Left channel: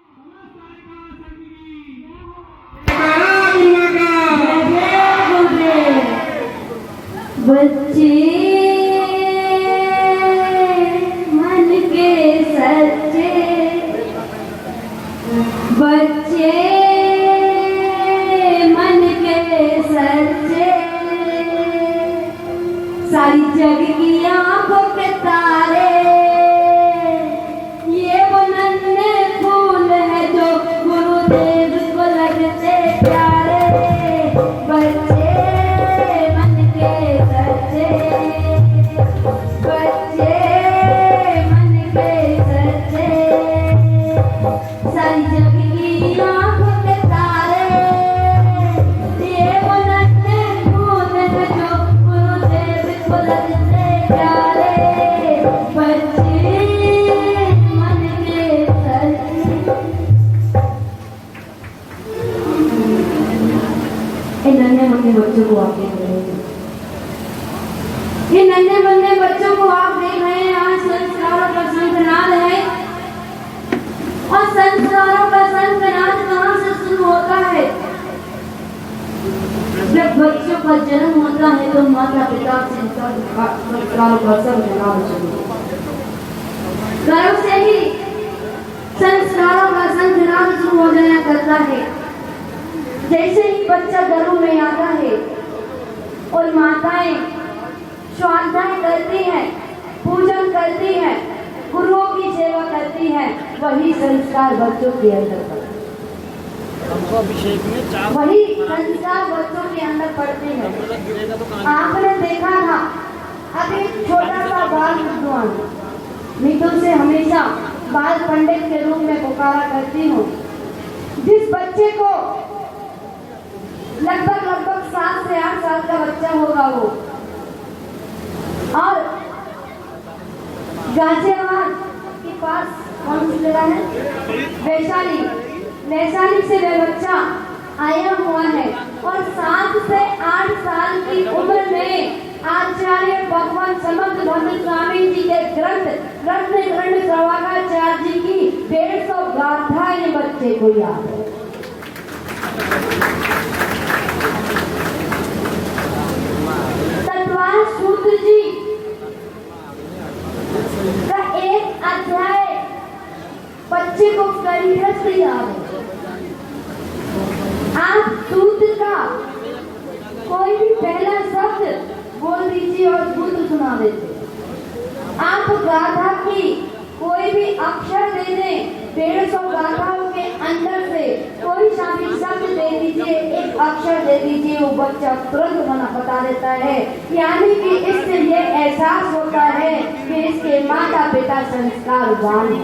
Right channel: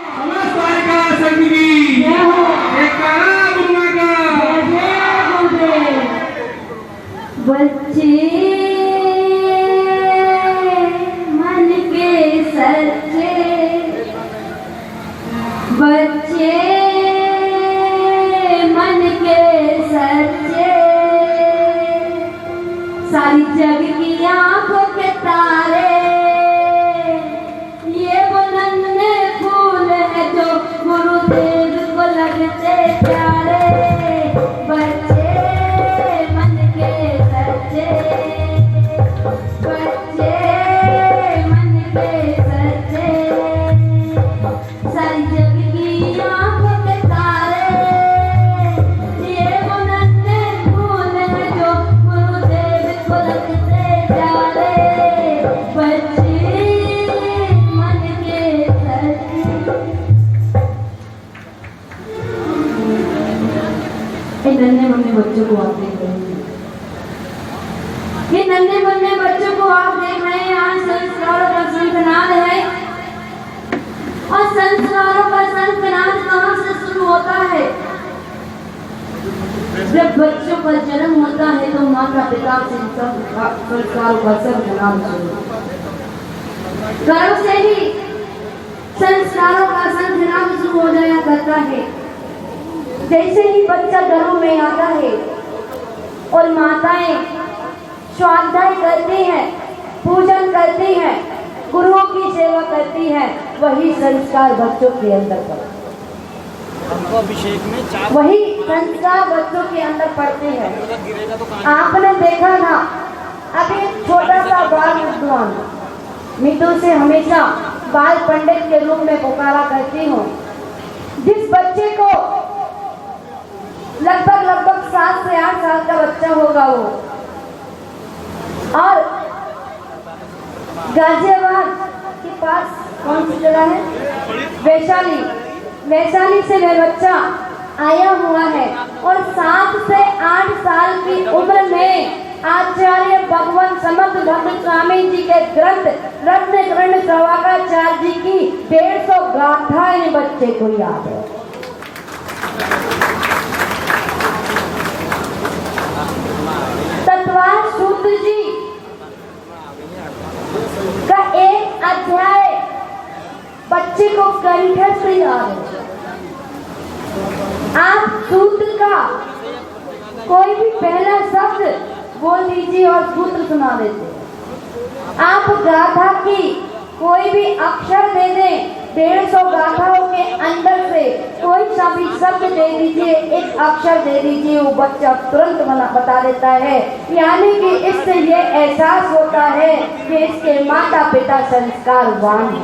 बच्चे मन के सच्चे, बच्चे मन के सच्चे, सारी जग की आंखों के तारे, ये वो नन्हे फूल है जो गुरुदेव को लगते प्यारे। बच्चे मन के सच्चे, बच्चे मन के सच्चे, सारी जग की आंखों के तारे, ये वो नन्हे फूल है जो गुरुदेव को लगते प्यारे। बच्चे मन के सच्चे। इन नन्हे मुन्ने बच्चों को आप देख रहे हैं, ये नन्हे मुन्ने बच्चों को आप देख रहे हैं। आज संस्कारों का संतनाद है, और संस्कारों का संतनाद कहाँ से शुरू होता है? जब बच्चों का जन्म होता है तो माता पिता से संस्कारों का संतनाद शुरू होता है। घरों से ही संस्कारों का संतनाद शुरू हो जाया करता है। जैसे ही बच्चा घरों में आता है और माताएं स्वाध्याय करती हैं, पूजन करती हैं, गुरुओं की सेवा करती हैं, वही संस्कार बच्चों के अंदर पड़ते हैं। अभिषेक में चार वही संस्कार बच्चों के अंदर पड़ते हैं। आपने देखा ना, अभी छोटा सा बाल विद्वान, मैं तुमसे हमेशा बाल पंडित के रूप में पुकारा करती हूँ। जिस बच्चे को लगभग 7 से 8 साल का बच्चा होगा वो, और गाजियाबाद के पास कौन सी जगह है, वैशाली से मेरा बच्चा आया हुआ है, और 7 से 8 साल की उम्र में आचार्य भगवान समर्थ भगवान स्वामी जी के ग्रंथ रत्न प्रभागाचार्य जी की 150 गाथाएं बच्चे को याद है। तत्वार सूत्र जी का एक अध्याय बच्चे को कंठस्थ याद है। आप सूत्र का कोई भी पहला शब्द बोल दीजिए और सूत्र सुना देते। आप गाथा की कोई भी अक्षर दे दें, 150 गाथाओं के अंदर से कोई सा भी शब्द दे दीजिए, एक अक्षर दे दीजिए, वो बच्चा तुरंत बता देता है। यानी कि इससे ये एहसास होता है कि इसके माता पिता संस्कारवान हैं।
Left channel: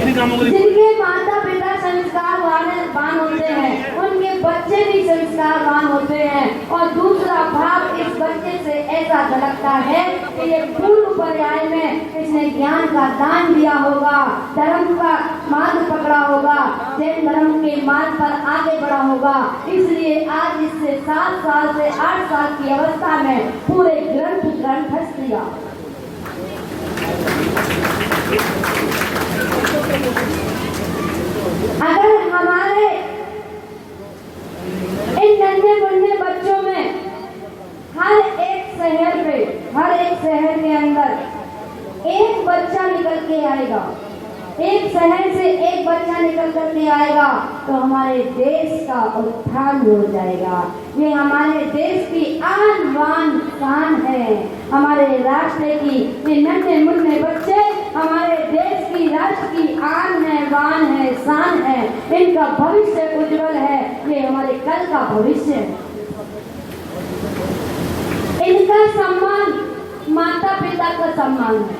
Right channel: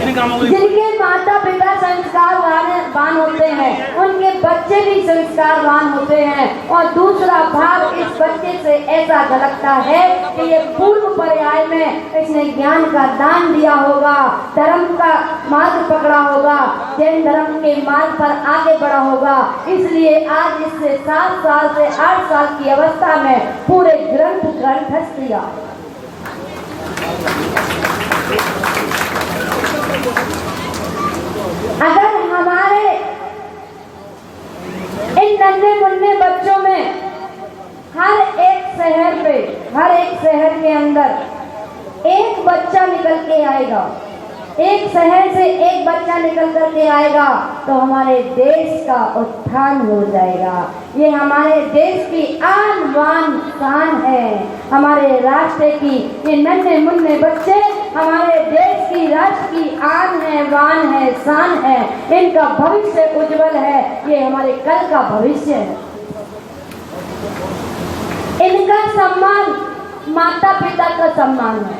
जिनके माता पिता संस्कारवान होते हैं, उनके बच्चे भी संस्कारवान होते हैं। और दूसरा भाग इस बच्चे से ऐसा झलकता है कि ये पूर्व पर्याय में इसने ज्ञान का दान दिया होगा, धर्म का मार्ग पकड़ा होगा, जैन धर्म के मार्ग पर आगे बढ़ा होगा। इसलिए आज इससे 7 साल से 8 साल की अवस्था में पूरे ग्रंथस्थ दिया। अगर हमारे इन नन्हे मुन्ने बच्चों में हर एक शहर के अंदर एक बच्चा निकल के आएगा, एक शहर से एक बच्चा निकल करके आएगा, तो हमारे देश का उत्थान हो जाएगा। ये हमारे देश की आन बान शान है, हमारे राष्ट्र की। ये नन्हे मुन्ने बच्चे हमारे देश की, राष्ट्र की आन है, बान है, शान है। इनका भविष्य उज्जवल है, ये हमारे कल का भविष्य है। इनका सम्मान माता पिता का सम्मान है,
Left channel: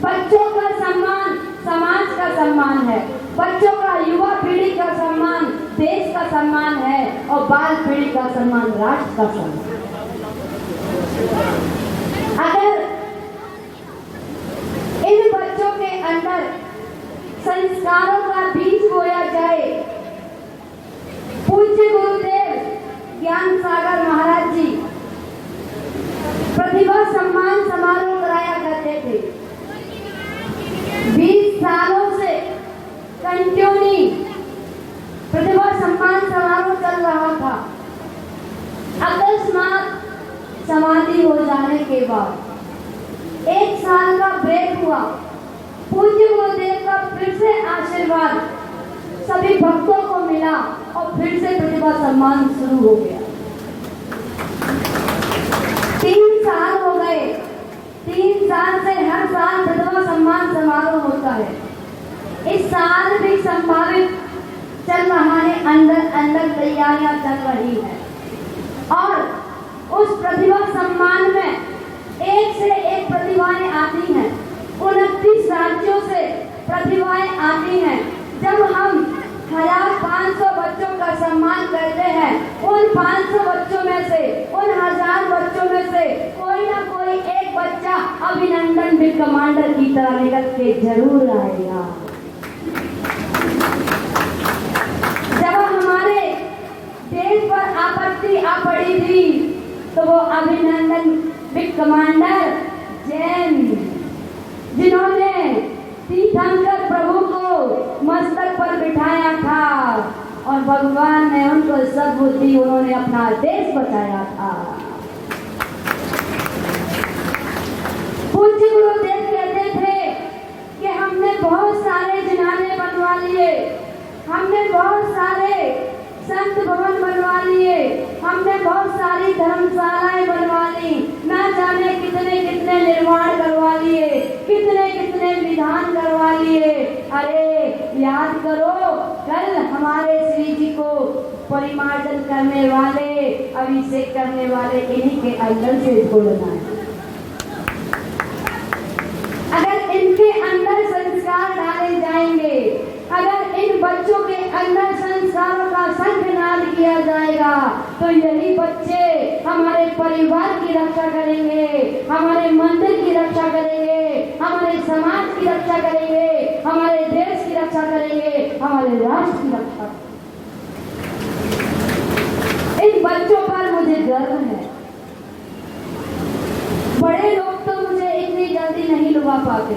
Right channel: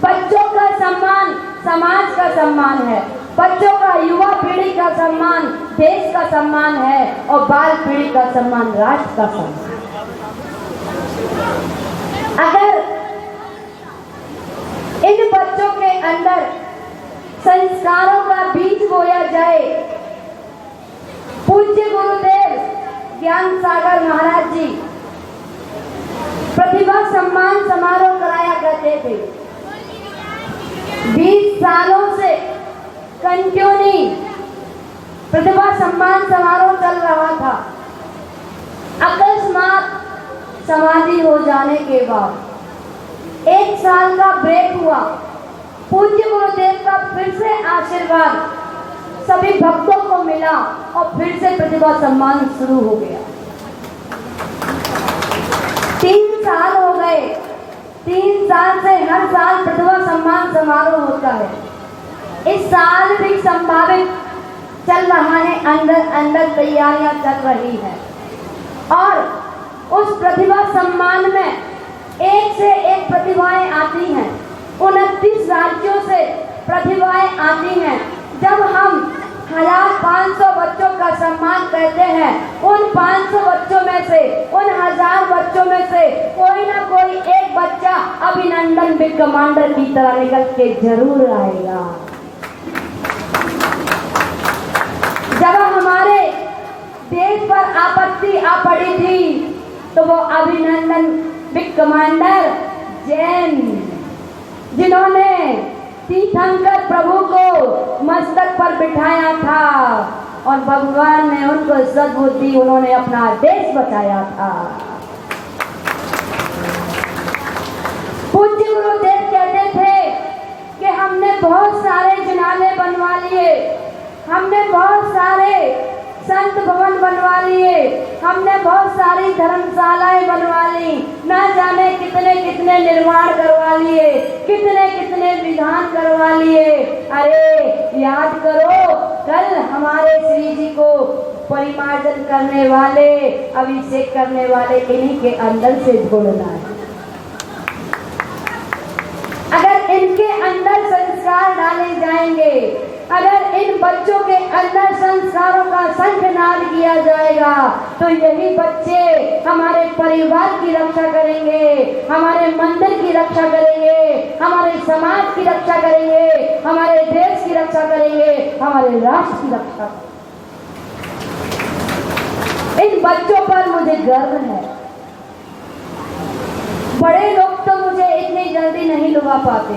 बच्चों का सम्मान समाज का सम्मान है, बच्चों का युवा पीढ़ी का सम्मान देश का सम्मान है, और बाल पीढ़ी का सम्मान राष्ट्र का सम्मान। अगर इन बच्चों के अंदर संस्कारों का बीज बोया जाए, पूज्य गुरुदेव ज्ञान सागर महाराज जी प्रतिभा सम्मान समारोह कराया करते थे। 20 सालों से अकस्मात समाधि हो जाने के बाद 1 साल का ब्रेक हुआ। पूज्य गुरुदेव का फिर से आशीर्वाद सभी भक्तों को मिला और फिर से प्रतिभा सम्मान शुरू हो गया। 3 साल हो गए। 3 साल से हर साल प्रतिभा सम्मान समारोह होता है। इस साल भी संभावित चल रहा है, अंदर अंदर तैयारियां चल रही है और उस प्रतिभा सम्मान में एक से एक प्रतिभाएं आती हैं। 29 राज्यों से प्रतिभाएं आती हैं। जब हम 1500 बच्चों का सम्मान करते हैं, उन 500 बच्चों में से, उन 1000 बच्चों में से कोई ना कोई एक बच्चा अभिनंदन बिग कमांडर की तरह निकल के जरूर आएगा। जब हमारे देश पर आपत्ति आ पड़ी थी तो वो अभिनंदन बिग कमांडर जैन, जिन्होंने तीर्थंकर प्रभु को मस्तक पर बिठाया था और भगवान ने उनको सद्बुद्धि, उन्होंने अपना देश बचाया था। पूज्य गुरुदेव कहते थे कि हमने बहुत सारे जनाने बनवा लिए, हमने बहुत सारे संत भवन बनवा लिए, हमने बहुत सारी धर्मशालाएं बनवा ली, ना जाने कितने कितने निर्माण करवा लिए, कितने कितने विधान करवा लिए। अरे याद करो, कल हमारे श्री जी को परिमार्जन करने वाले, अभिषेक करने वाले इन्हीं के अंदर से छोड़ना है। अगर इनके अंदर संस्कार डाले जाएंगे, अगर इन बच्चों के अंदर संस्कारों का संकनाद किया जाएगा तो यही बच्चे हमारे परिवार की रक्षा करेंगे, हमारे मंदिर की रक्षा करेंगे, हमारे समाज की रक्षा करेंगे, हमारे देश की रक्षा करेंगे, हमारे राष्ट्र की रक्षा। इन बच्चों पर मुझे गर्व है। बड़े लोग तो मुझे इतनी जल्दी नहीं लुभा पाते,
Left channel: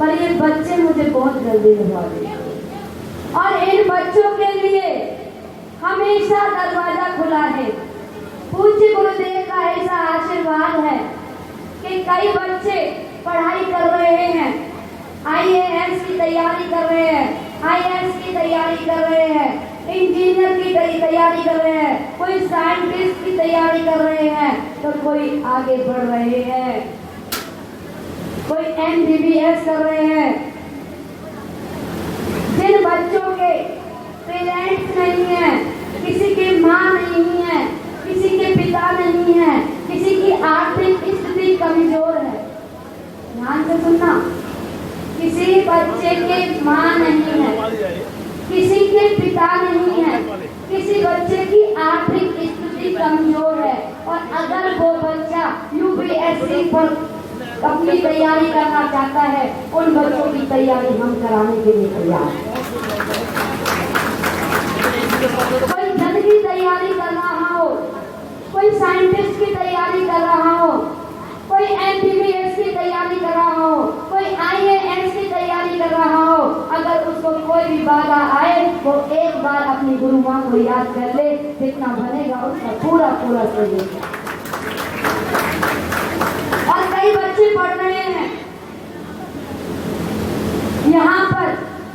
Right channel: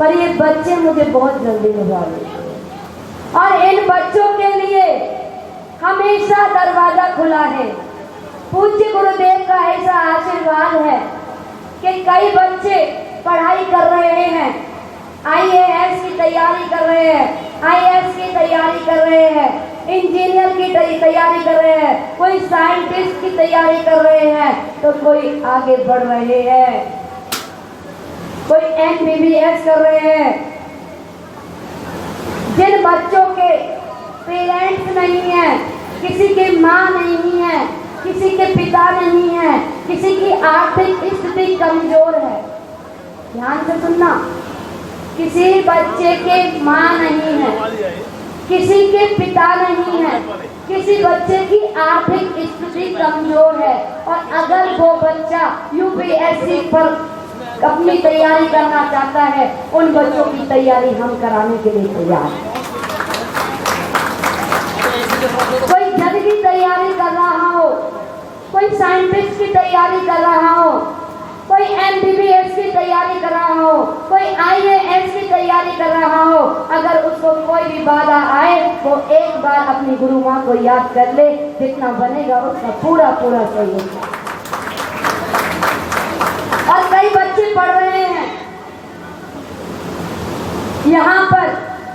पर ये बच्चे मुझे बहुत जल्दी लुभा देते और इन बच्चों के लिए हमेशा दरवाजा खुला है। पूज्य गुरुदेव का ऐसा आशीर्वाद है कि कई बच्चे पढ़ाई कर रहे हैं, IAS की तैयारी कर रहे हैं, IAS की तैयारी कर रहे हैं, इंजीनियर की तैयारी कर रहे हैं, कोई साइंटिस्ट की तैयारी कर रहे हैं, तो कोई आगे बढ़ रहे हैं, कोई MBBS कर रहे हैं। जिन बच्चों के पेरेंट्स नहीं है, किसी के माँ नहीं है, किसी के पिता नहीं है, किसी की आर्थिक स्थिति कमजोर है, ध्यान से सुनना, किसी बच्चे के माँ नहीं है, किसी के पिता नहीं है, किसी बच्चे की आर्थिक स्थिति कमजोर है और अगर वो बच्चा UPSC पर अपनी तैयारी करना चाहता है, उन बच्चों की तैयारी हम कराने के लिए तैयार हैं। कोई जज की तैयारी कर रहा हो, कोई साइंटिस्ट की तैयारी कर रहा हो, कोई MBBS की तैयारी कर रहा हो, कोई IAS की तैयारी कर रहा हो, अगर उसको कोई भी बाधा आए वो एक बार अपनी गुरु माँ को याद कर ले, जितना बनेगा उसका पूरा पूरा सहयोग। और कई बच्चे पढ़ रहे हैं यहाँ पर,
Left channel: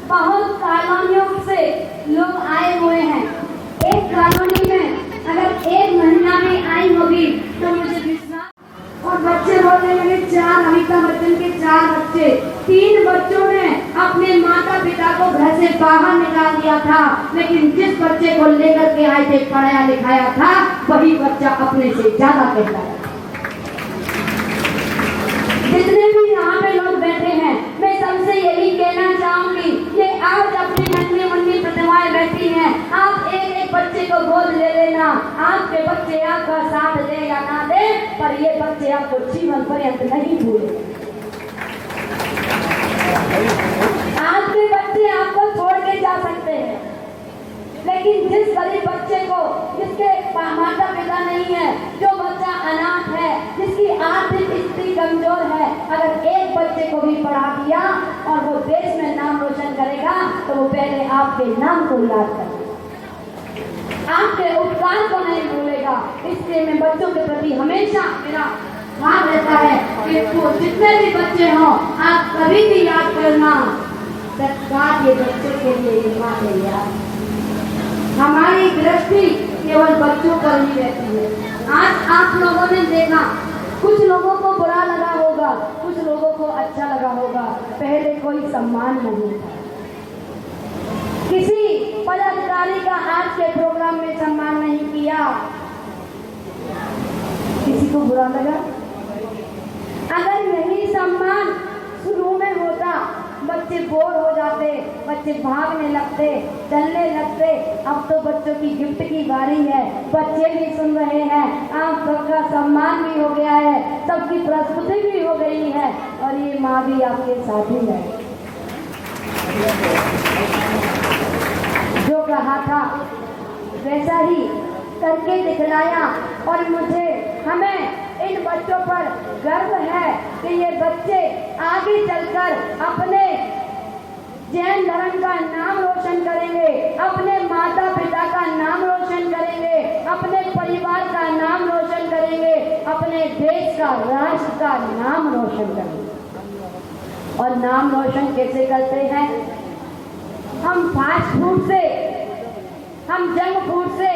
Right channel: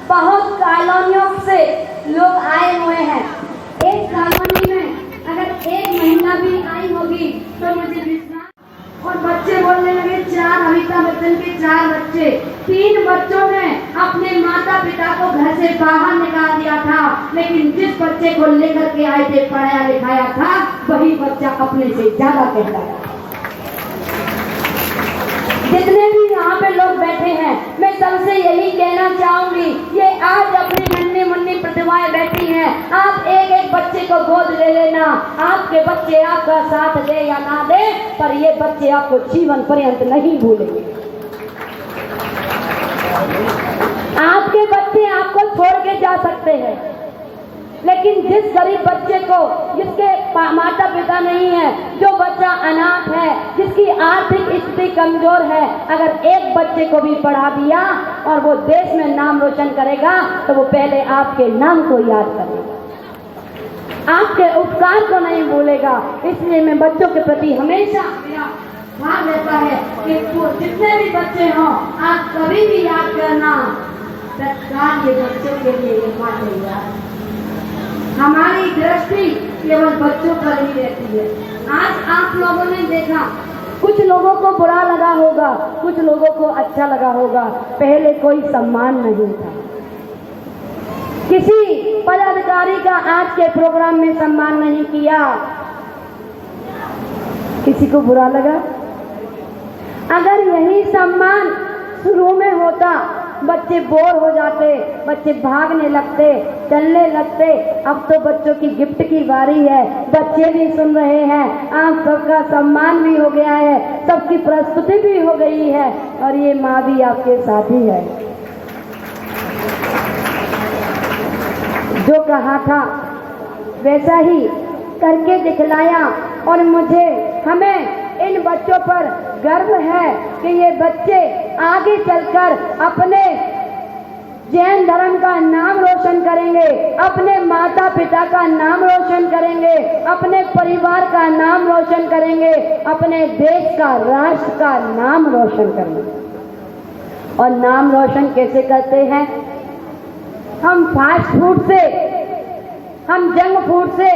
बहुत कॉलोनियों से लोग आए हुए हैं। एक कॉलोनी में अगर 1 महीना भी आई होगी तो मुझे विश्वास। और बच्चे बोलने लगे 4, अमिताभ बच्चन के 4 बच्चे, 3 बच्चों ने अपने माता पिता को घर से बाहर निकाल दिया था, लेकिन जिस बच्चे को लेकर के आए थे, पढ़ाया लिखाया था, वही बच्चा अपने से ज्यादा कहता है। जितने भी यहाँ पे लोग बैठे हैं, मैं सबसे यही कहना चाहूंगी, ये आज अपनी नन्ही प्रतिभाएं बैठी हैं, आप एक एक बच्चे को गोद ले लेना। आपके बच्चे आपका साथ दे या ना दे, पर ये बच्चे आपको जीवन पर्यंत नहीं भूलेंगे। आपके बच्चे आपको छोड़ के जा सकते हैं, लेकिन जिस गरीब बच्चे को, जिसके माता पिता नहीं है, जो बच्चा अनाथ है, जिसकी आर्थिक स्थिति कमजोर है, अगर एक बच्चे को भी पढ़ा दिया और वो देश में नाम रोशन करेगा तो वो पहले आपके नाम को याद करेगा। आपके उपकार को नहीं भूलेगा। इसलिए मैं बच्चों के प्रति हमेशा मेरा भाव रहता है कि वो जितने भी बच्चे हों, आप कभी भी याद करना, सरकार के बच्चों के लिए ये याद। हमारी दृष्टि केवल बच्चों पर ही रहती है। आज आप लोगों ने देखा, कुछ लोगों को बुरा लगा होगा, कुछ लोगों को अच्छा लगा होगा। पहले कोई सम्मान नहीं था, किसी पदाधिकारी का आज के प्रोग्राम में सम्मान नहीं किया, किसी को बुरा लगा। अगर यही सम्मान शुरू में होता, बच्चे बोर हो जाते, बच्चे भागने लगते, चलने लगते। अब तो बच्चों की गिफ्ट की बारी है, बच्चे भी सुन रहे हैं, आप सबका सम्मान भी हो गया है, सबकी प्रस्तुति भी हो गई है, और ये माँ भी आपके साथ ही है। जो कहा था वैसा ही करके दिखलाया, और हमें इन बच्चों पर गर्व है कि ये बच्चे आगे चलकर अपने जैन धर्म का नाम रोशन करेंगे, अपने माता पिता का नाम रोशन करेंगे, अपने परिवार का नाम रोशन करेंगे, अपने देश का, राष्ट्र का नाम रोशन करेंगे। और नाम रोशन कैसे करते हैं? हम फास्ट फूड से, हम जंक फूड से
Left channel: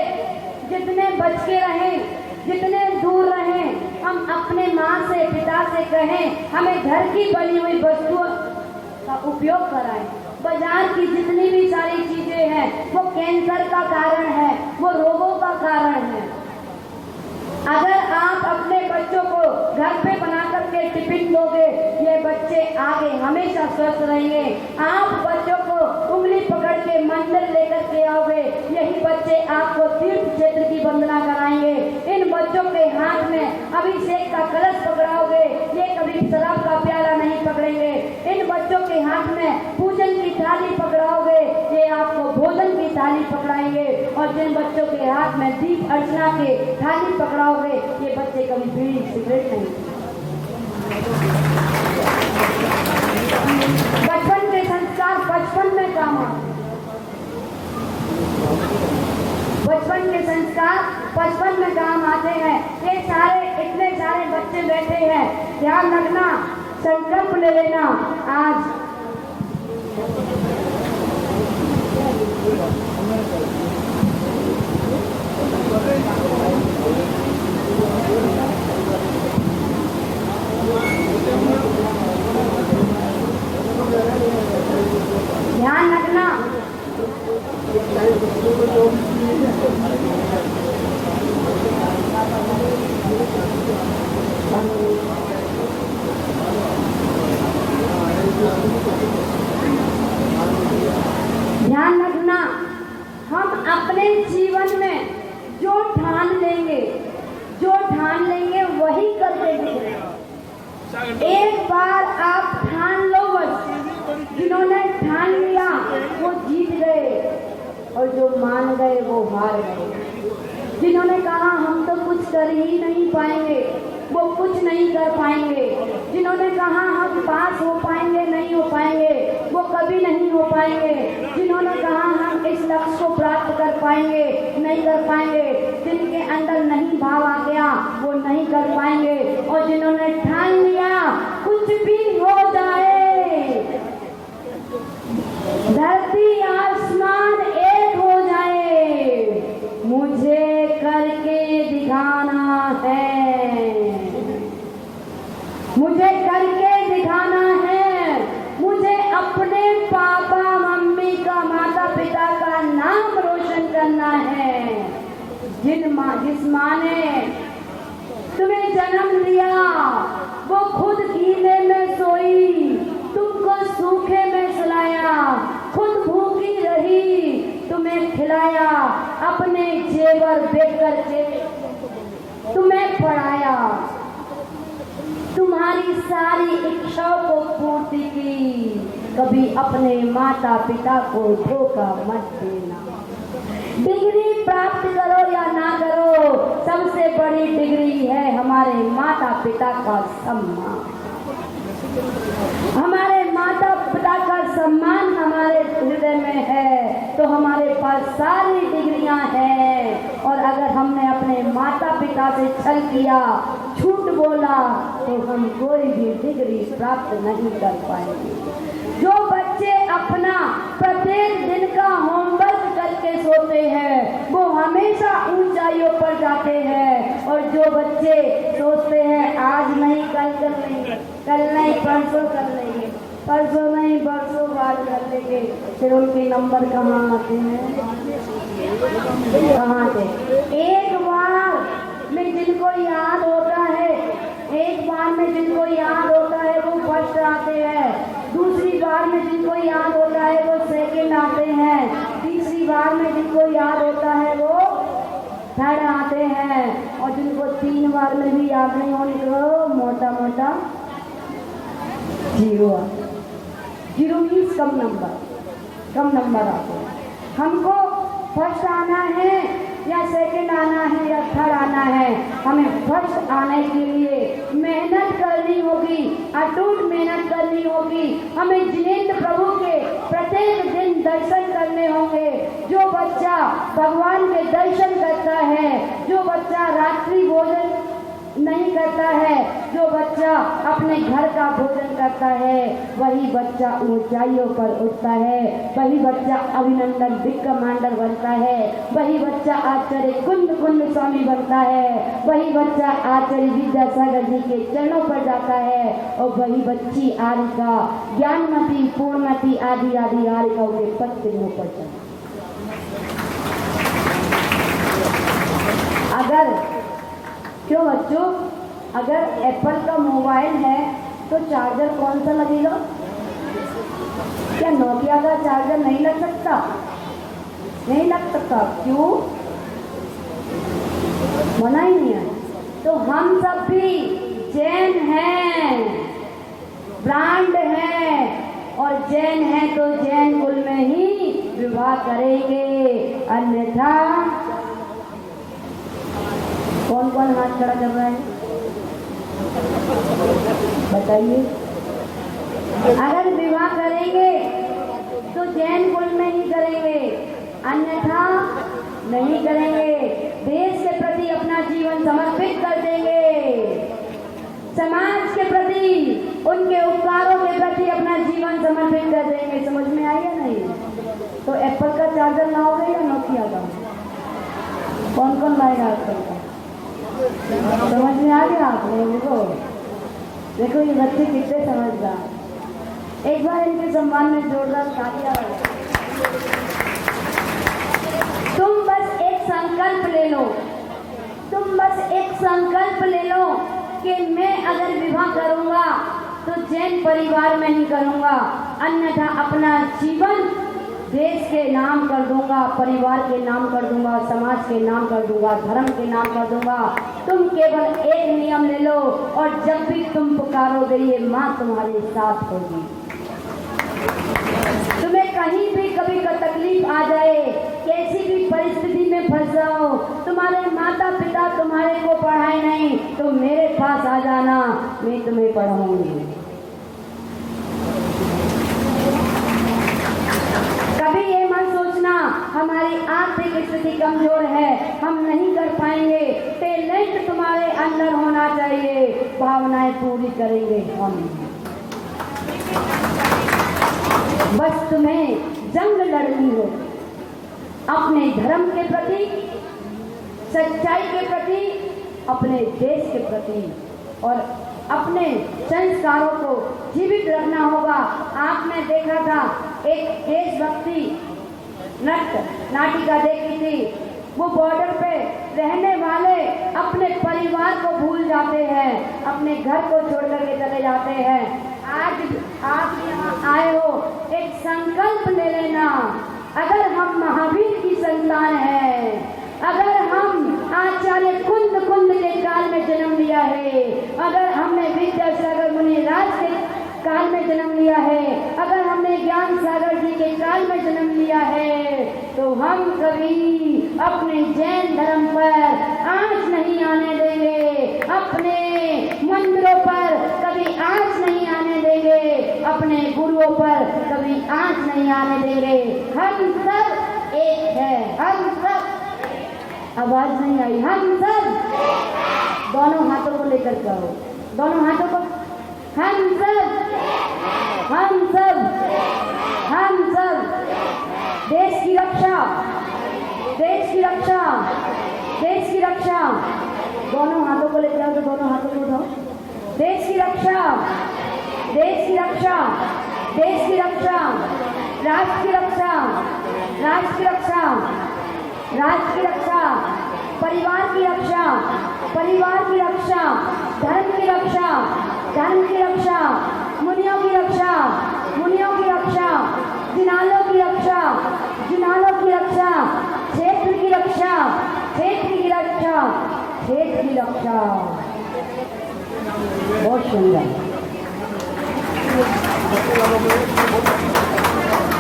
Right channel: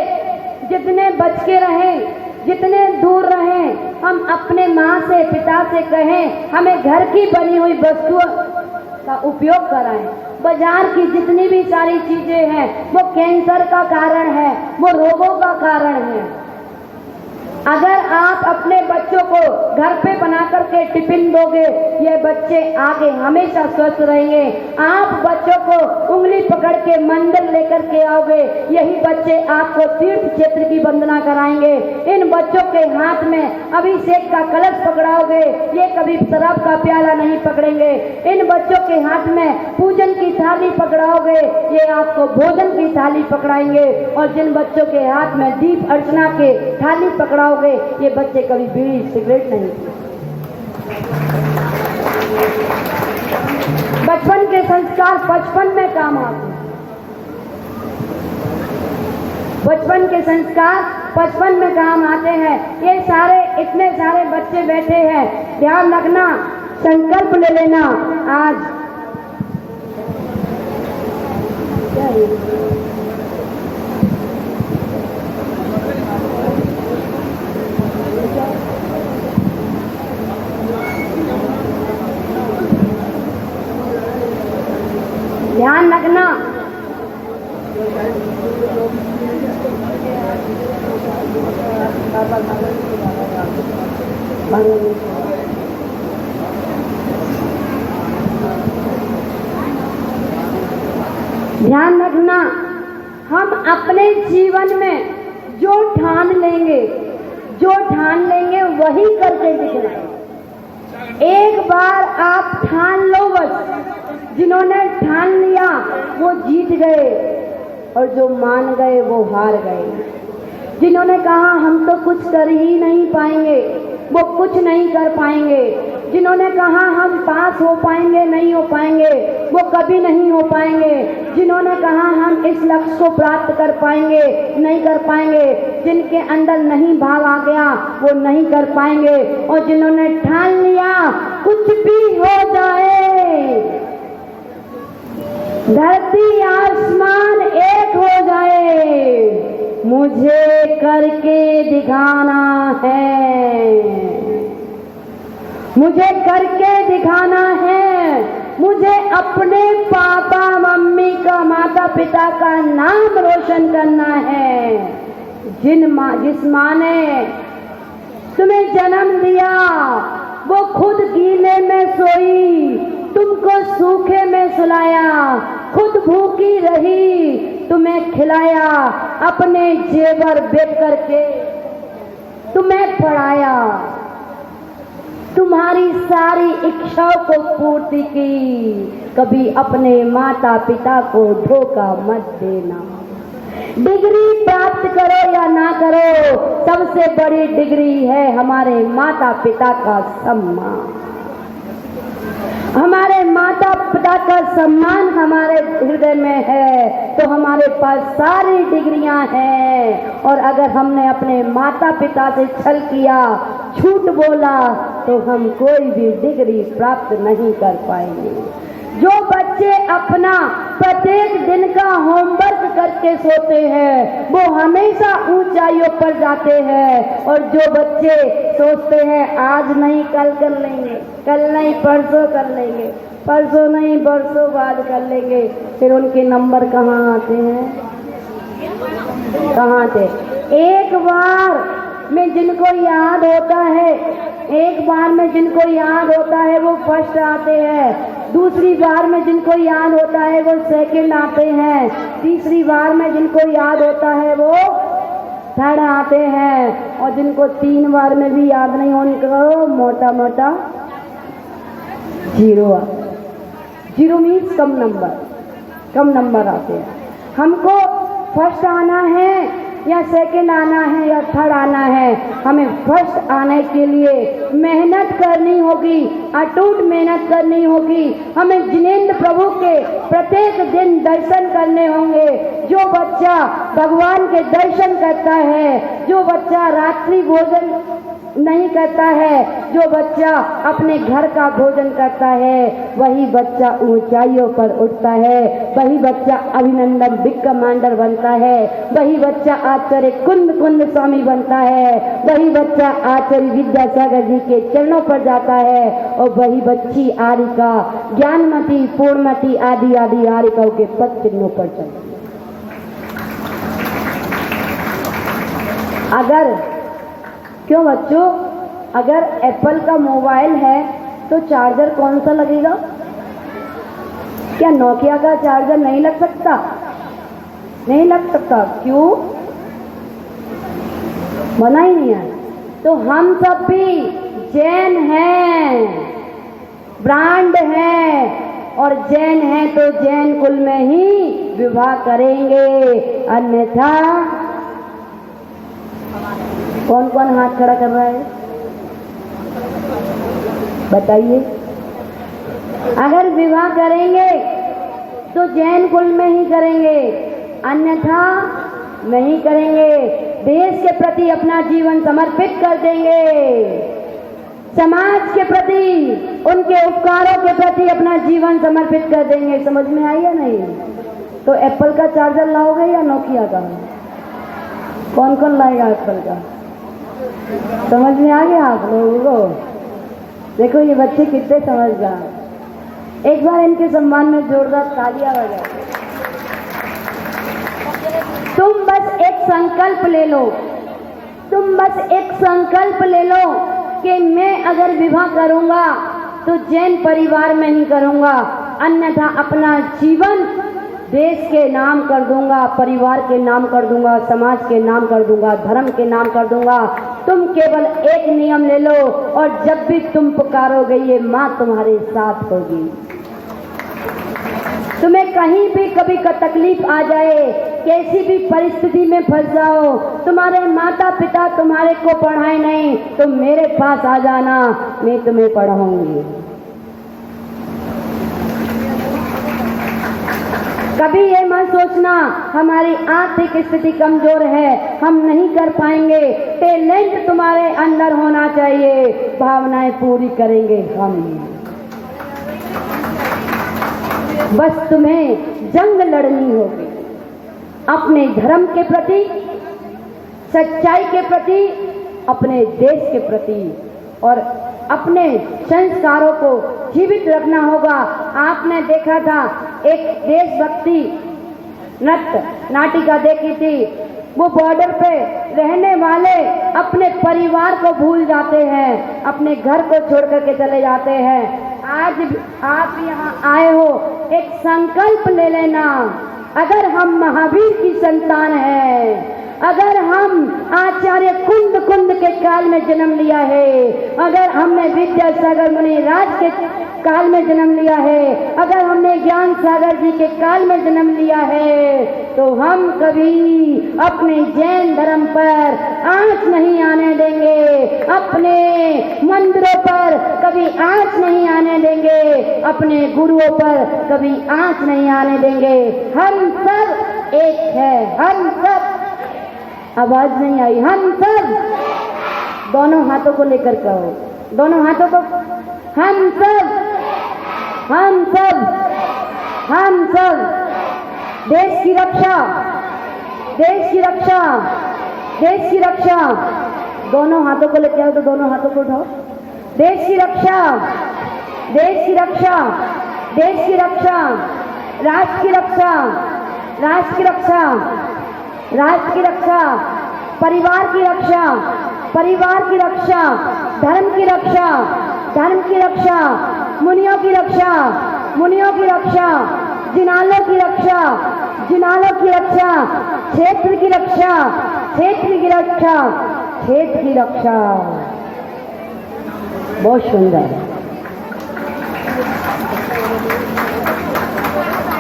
जितने बच के रहें, जितने दूर रहें, हम अपने माँ से, पिता से कहें हमें घर की बनी हुई वस्तुओं का उपयोग कराएं। बाजार की जितनी भी सारी चीजें हैं वो कैंसर का कारण है, वो रोगों का कारण है। अगर आप अपने बच्चों को घर पे बना करके टिफिन दोगे, ये बच्चे आगे हमेशा स्वस्थ रहेंगे। आप बच्चों को उंगली पकड़ के मंदिर लेकर के आओगे, यही बच्चे आपको तीर्थ क्षेत्र की वंदना कराएंगे। इन बच्चों के हाथ में अभिषेक का कलश पकड़ाओगे, ये कभी शराब का प्याला नहीं पकड़ेंगे। इन बच्चों के हाथ में पूजन की थाली पकड़ाओगे, ये आपको भोजन की थाली पकड़ाएंगे। और जिन बच्चों के हाथ में दीप अर्चना के थाली पकड़ाओगे, ये बच्चे कभी बीड़ी सिगरेट नहीं। बचपन के संस्कार बचपन में काम आते हैं, बचपन के संस्कार बचपन में काम आते हैं। ये सारे इतने सारे बच्चे बैठे हैं, ध्यान रखना, संकल्प ले लेना। आज ध्यान रखना, ध्यान रखना, हम अपने जीवन में जो ठान लेंगे वही करके दिखना। एक बार आप ठान लो, बस जिन्होंने ठान लिया वो जीत गए, और जो मान गए वो हार गए। जिन्होंने कहा हम तो कुछ कर ही नहीं पाएंगे, वो कुछ नहीं कर पाएंगे। जिन्होंने कहा हम पास हो पाएंगे, नहीं हो पाएंगे, वो कभी नहीं हो पाएंगे। जिन्होंने कहा हम इस लक्ष्य को प्राप्त कर पाएंगे, नहीं कर पाएंगे। जिनके अंदर नहीं भाव आ गया वो नहीं कर पाएंगे। और जिन्होंने ठान लिया कुछ भी हो जाए, धरती आसमान एक हो जाए, मुझे करके दिखाना है, मुझे करके दिखाना है। मुझे अपने पापा मम्मी का, माता पिता का नाम रोशन करना है। जिस माँ ने तुम्हें जन्म दिया वो खुद गीले में सोई, तुमको सूखे में सुलाया, खुद भूखी रही, तुम्हें खिलाया, अपने जेवर बेच करके तुम्हें पढ़ाया, तुम्हारी सारी इच्छाओं को पूर्ति की। कभी अपने माता पिता को धोखा मत देना। डिग्री प्राप्त करो या ना करो, सबसे बड़ी डिग्री है हमारे माता पिता का सम्मान। हमारे माता माता पिता का सम्मान हमारे हृदय में है तो हमारे पास सारी डिग्रियां हैं। और अगर हमने अपने माता पिता से छल किया, झूठ बोला, तो हम कोई भी डिग्री प्राप्त नहीं कर पाएंगे। जो बच्चे अपना प्रत्येक दिन का होमवर्क करके सोते हैं वो हमेशा ऊंचाइयों पर जाते हैं। और जो बच्चे सोचते हैं आज नहीं कल कर लेंगे, कल नहीं परसों कर लेंगे, परसों नहीं बरसों बाद कर लेंगे, फिर उनके नंबर कहाँ आते हैं? कहाँ आते? एक बार में जिनको याद होता है, एक बार में जिनको याद होता है वो फर्स्ट आते हैं, दूसरी बार में जिनको याद होता है वो सेकंड आते हैं, तीसरी बार में जिनको याद होता है वो थर्ड आते हैं, और जिनको 3 बार में भी याद नहीं हो उनको मोटा मोटा जीरो आते। जीरो मीन्स कम नंबर आते हैं। हमको फर्स्ट आना है या सेकंड आना है या थर्ड आना है, हमें फर्स्ट आने के लिए मेहनत करनी होगी, अटूट मेहनत करनी होगी। हमें जिनेंद्र प्रभु के प्रत्येक दिन दर्शन करने होंगे। जो बच्चा भगवान के दर्शन करता है, जो बच्चा रात्रि भोजन नहीं करता है, जो बच्चा अपने घर का भोजन करता है, वही बच्चा ऊंचाइयों पर उठता है, वही बच्चा अभिनंदन बिग कमांडर बनता है, वही बच्चा आचार्य कुंद स्वामी बनता है, वही बच्चा आचार्य विद्यासागर जी के चरणों पर जाता है, और वही बच्ची आरिका ज्ञानमती पूर्णमती आदि आदि आरिकाओं के पद चिन्हों पर चलती। अगर क्यों बच्चों, अगर एप्पल का मोबाइल है तो चार्जर कौन सा लगेगा? क्या नोकिया का चार्जर नहीं लग सकता? नहीं लग सकता। क्यों? बना ही नहीं है। तो हम सब भी जैन हैं, ब्रांड हैं, और जैन हैं तो जैन कुल में ही विवाह करेंगे, अन्यथा कौन कौन हाथ खड़ा कर रहा है बताइए? अगर विवाह करेंगे तो जैन कुल में ही करेंगे, अन्यथा नहीं करेंगे। देश के प्रति अपना जीवन समर्पित कर देंगे, समाज के प्रति, उनके उपकारों के प्रति अपना जीवन समर्पित कर देंगे। समझ में आई या नहीं? तो एप्पल का चार्जर लाओगे या नोकिया का? कौन कौन लाएगा एप्पल का? समझ में आ गया आप लोगों को? देखो ये बच्चे कितने समझदार। एक बार इनके सम्मान में जोरदार तालियां बजाओ। तुम बस एक संकल्प ले लो, तुम बस एक संकल्प ले लो कि मैं अगर विवाह करूंगा तो जैन परिवार में नहीं करूंगा, अन्यथा अपना जीवन देश के नाम कर दूंगा, परिवार के नाम कर दूंगा, समाज के नाम कर दूंगा, धर्म के नाम कर दूंगा। तुम केवल एक नियम ले लो, और जब भी तुम पुकारोगे ये माँ तुम्हारे साथ होगी। तुम्हें कहीं भी कभी का तकलीफ आ जाए, कैसी भी परिस्थिति में फंस जाओ, तुम्हारे माता पिता तुम्हारे को पढ़ाए नहीं, तो मेरे पास आ जाना, मैं तुम्हें पढ़ाऊंगी। कभी ये मत सोचना हमारी आर्थिक स्थिति कमजोर है, हम नहीं कर पाएंगे। टैलेंट तुम्हारे अंदर होना चाहिए, भावनाएं पूरी करेंगे हम। बस तुम्हें जंग लड़नी होगी अपने धर्म के प्रति, सच्चाई के प्रति, अपने देश के प्रति, और अपने संस्कारों को जीवित रखना होगा। आपने देखा था एक देशभक्ति नाटिका देखी थी, वो बॉर्डर पे रहने वाले अपने परिवार को भूल जाते हैं, अपने घर को छोड़ करके चले जाते हैं। आज आप यहाँ आए हो, एक संकल्प ले लेना। अगर हम महावीर की संतान हैं, अगर हम आचार्य कुंद के काल में जन्म लिया है, अगर हमने विद्यासागर मुनि राज के काल में जन्म लिया है, अगर हमने ज्ञान सागर जी के काल में जन्म लिया है, तो हम कभी अपने जैन धर्म पर आंच नहीं आने देंगे, अपने मंदिरों पर कभी आंच नहीं आने देंगे, अपने गुरुओं पर कभी आंच नहीं आने देंगे। हम सब एक है, हम सब, आवाज नहीं आई, हम सब, दोनों हाथों को लेकर कहो, दोनों हाथों को, हम सब, हम सब, हम सब, देश की रक्षा, देश की रक्षा, देश की रक्षा, दोनों हाथों को लेके आओ, तो दोनों हाथों को उठाओ, देश की रक्षा, देश की रक्षा, देश की रक्षा, राष्ट्र की रक्षा, राष्ट्र की रक्षा, राष्ट्र की रक्षा, परिवार की रक्षा, परिवार की रक्षा, धर्म की रक्षा, धर्म की रक्षा, मुनियों की रक्षा, मुनियों की रक्षा, जिनालों की रक्षा, जिनालों की रक्षा, क्षेत्र की रक्षा, क्षेत्र की रक्षा, क्षेत्र की रक्षा। बहुत सुंदर।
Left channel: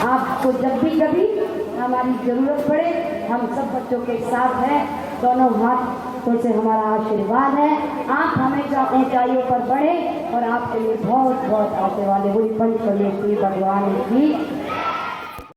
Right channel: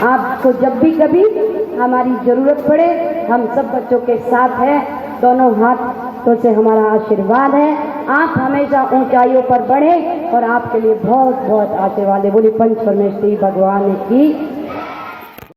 आपको जब भी कभी हमारी जरूरत पड़े, हम सब बच्चों के साथ हैं, दोनों हाथों से हमारा आशीर्वाद है। आप हमेशा ऊंचाइयों पर बढ़े और आपके लिए बहुत बहुत आशीर्वाद है। बोली पंच परमेश्वरी भगवान की